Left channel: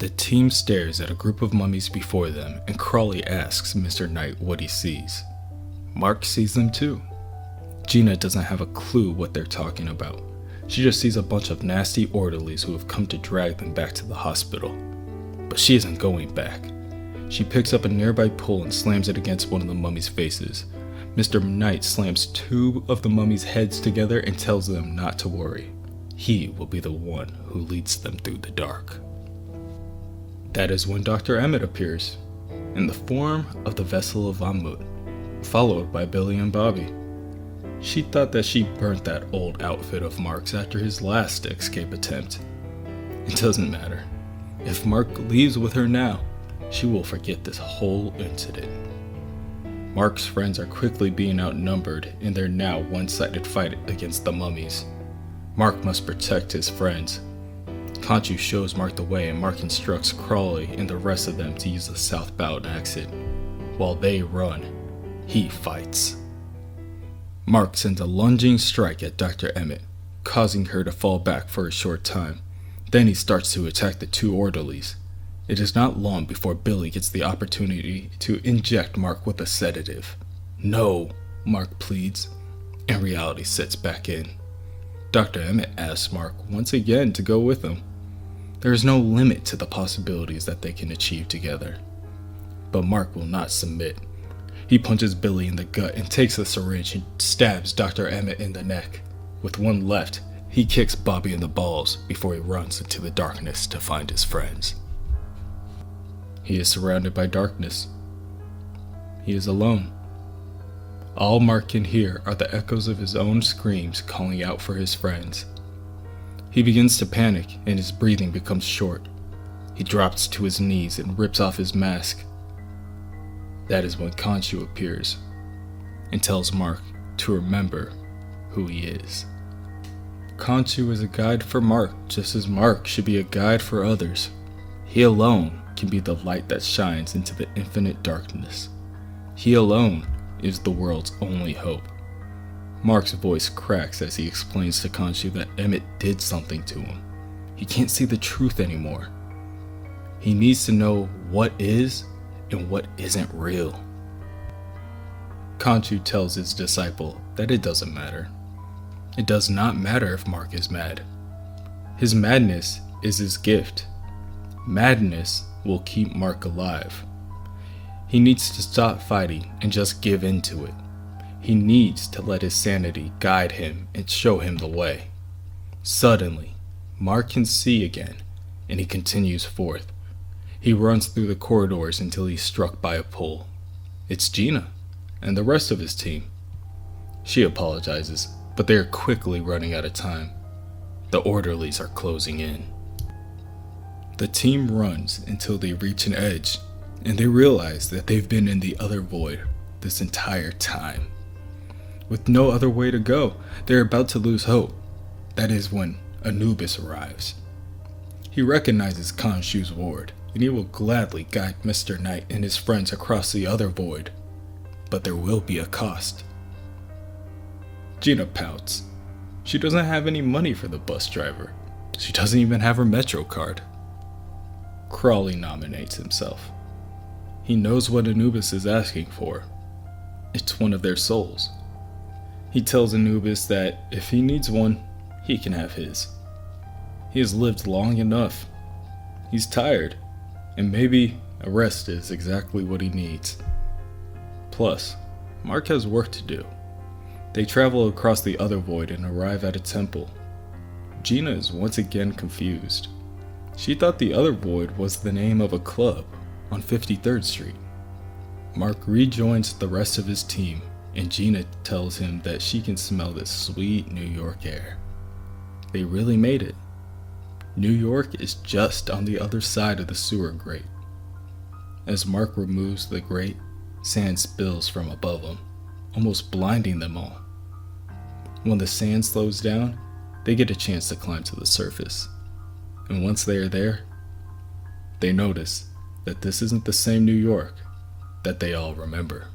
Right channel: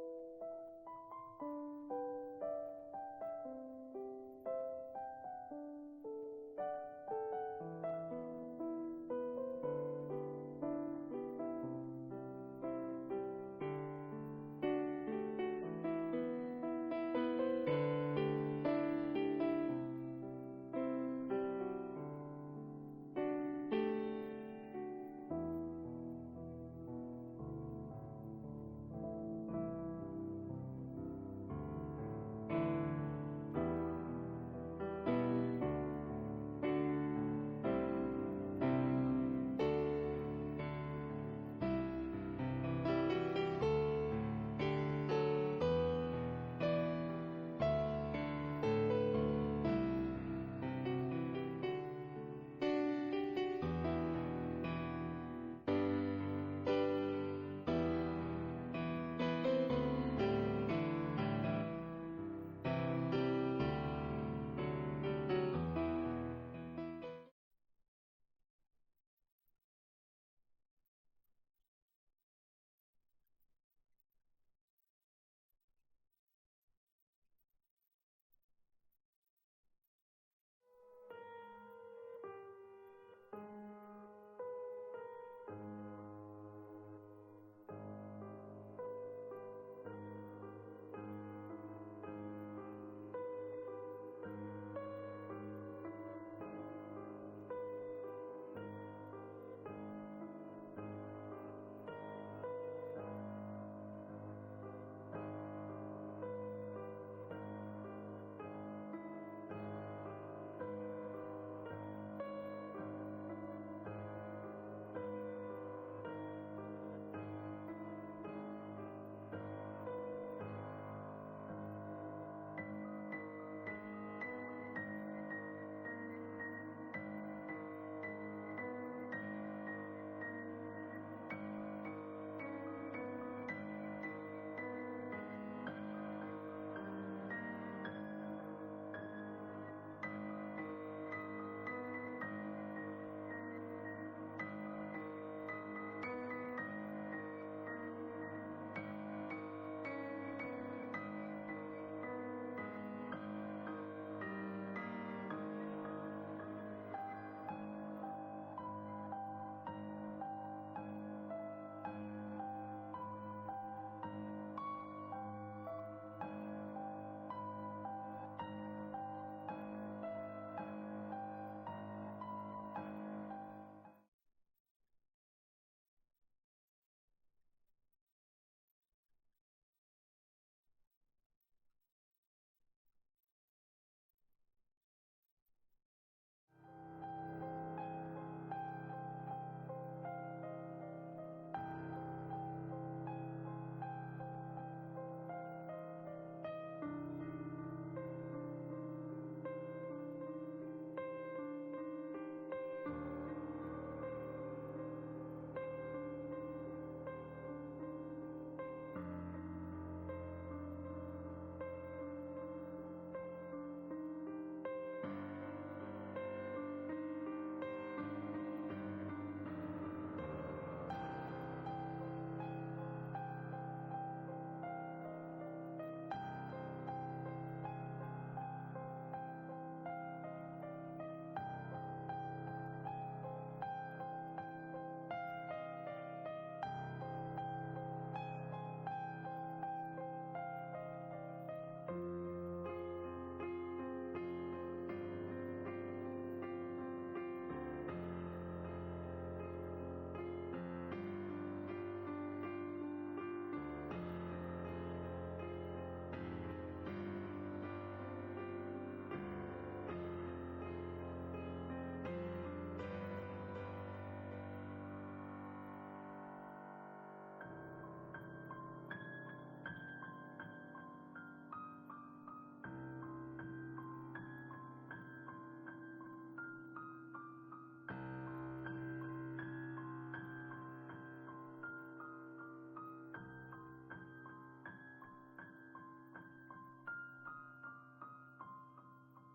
The team stares at a group of mummies before them, and Crawley asks Mr. Knight what he sees. Mark sees them too. Gina doesn't have a clue what they're talking about. She just sees a bunch of nasty orderlies who have come to drag them back to the hospital. But she isn't going back. She picks up a nearby pole and slams it against one of the mummies' faces. Mr. Knight slams two of the mummies' heads together and tells them not to worry. He will be the one who leads them through the dark. That is when Dr. Emmett appears, in the form of the vessel of Ammut, followed by Billy and Bobby. She thought that she burnt that old outfit of Mark's after his last escape attempt. It doesn't matter. If Mark leaves with her now, she will forget this whole incident. Mark's friends are quickly being outnumbered in their now one-sided fight against the mummies. Mark must protect his friends. Khonshu shows Mark the way, and Mark instructs Crawley and the rest of them to use the southbound exit. While they run, he fights. Mark sends a lunging strike at Dr. Emmett, causing her to fall back for a short time. Then he starts to attack the two orderlies. It is not long before Billy gets the opportunity to inject Mark with a sedative. No, Mark pleads, and reality sets back in. Dr. Emmett asks Mark once again to go with him. There is no limit to the possibilities that they can achieve together. But Mark will not submit. He punches Billy in the gut and takes the syringe and stabs Dr. Emmett in the neck. With one left, he kicks Bobby in the balls before he runs into the darkness to find his friends. He is surrounded by darkness. He is alone. All Mark can hear are the echoes of his own screams calling out for his friends. He begins to panic and his breathing becomes short. He drops to his knees and rips off his mask. That is when Khonshu appears and tells Mark to remember who he is. Khonshu is a guide for Mark, just as Mark should be a guide for others. He alone can be the light that shines into the infinite darkness. He alone is the world's only hope. Mark's voice cracks as he explains to Khonshu that Emmett did something to him. He can't see the truth anymore. He needs to know what is and what isn't real. Khonshu tells his disciple that it doesn't matter. It does not matter if Mark is mad. His madness is his gift. Madness will keep Mark alive. He needs to stop fighting and just give in to it. He needs to let his sanity guide him and show him the way. Suddenly, Mark can see again, and he continues forth. He runs through the corridors until he's struck by a pole. It's Gina and the rest of his team. She apologizes, but they are quickly running out of time. The orderlies are closing in. The team runs until they reach an edge, and they realize that they've been in the other void this entire time. With no other way to go, they're about to lose hope. That is when Anubis arrives. He recognizes Khonshu's ward, and he will gladly guide Mr. Knight and his friends across the other void. But there will be a cost. Gina pouts. She doesn't have any money for the bus driver. She doesn't even have her Metro card. Crawley nominates himself. He knows what Anubis is asking for. It's one of their souls. He tells Anubis that if he needs one, he can have his. He has lived long enough. He's tired, and maybe a rest is exactly what he needs. Plus, Mark has work to do. They travel across the other void and arrive at a temple. Gina is once again confused. She thought the other void was the name of a club on 53rd Street. Mark rejoins the rest of his team, and Gina tells him that she can smell the sweet New York air. They really made it. New York is just on the other side of the sewer grate. As Mark removes the grate, sand spills from above him, almost blinding them all. When the sand slows down, they get a chance to climb to the surface. And once they are there, they notice that this isn't the same New York that they all remember.